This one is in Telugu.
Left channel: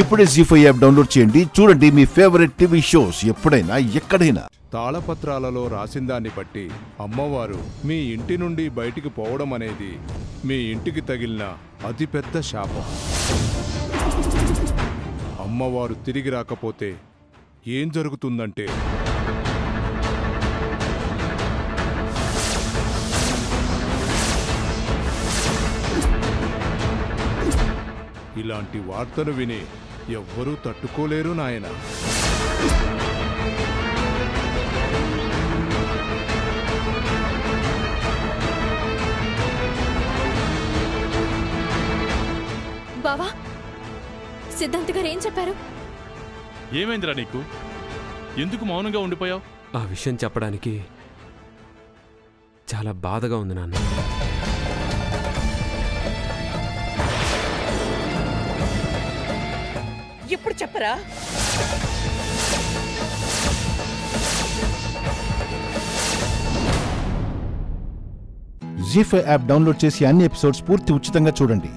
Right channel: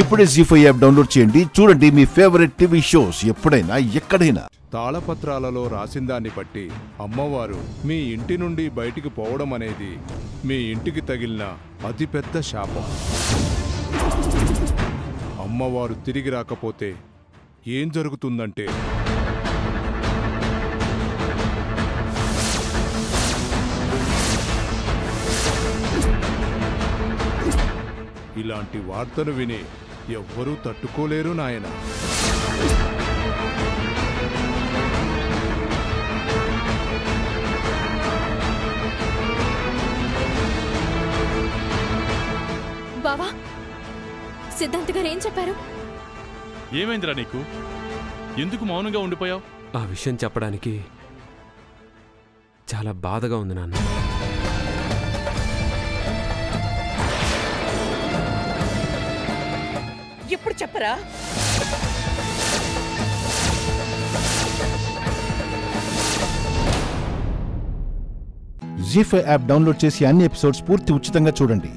ఇప్పుడే జీ5 యాప్ డౌన్లోడ్ చేయండి. చూడండి మీ ఫేవరెట్ టీవీ షోస్ ఎప్పుడైనా ఎక్కడైనా. తాళపత్రాలలో రాసిందాన్ని బట్టి అమ్మవారు మీ ఇంటి నుండి బయటికి పోవడం అనేది మీ ఇంటికి తగిలిన అతిపెద్ద శాపం. అమ్మవారు తిరిగి రాకపోతే ఏం జరుగుతుందంటే ఇలాంటి వార్తను విని ఎవ్వరూ తట్టుకోలేరు నాయనా. బావా, సిద్ధాంత్ గారు ఏం చెప్పారు? ఏమైందిరా నీకు? ఎందుకు మౌనంగా ఉండిపోయావు? ఆ విషయం చెప్పడానికి చాలా బాధగా ఉంది నాన్న. ఇప్పుడు చెప్పరా? జీ5 యాప్ డౌన్లోడ్ చేసి అన్ని ఎపిసోడ్స్ పూర్తి ఉచితంగా చూడండి.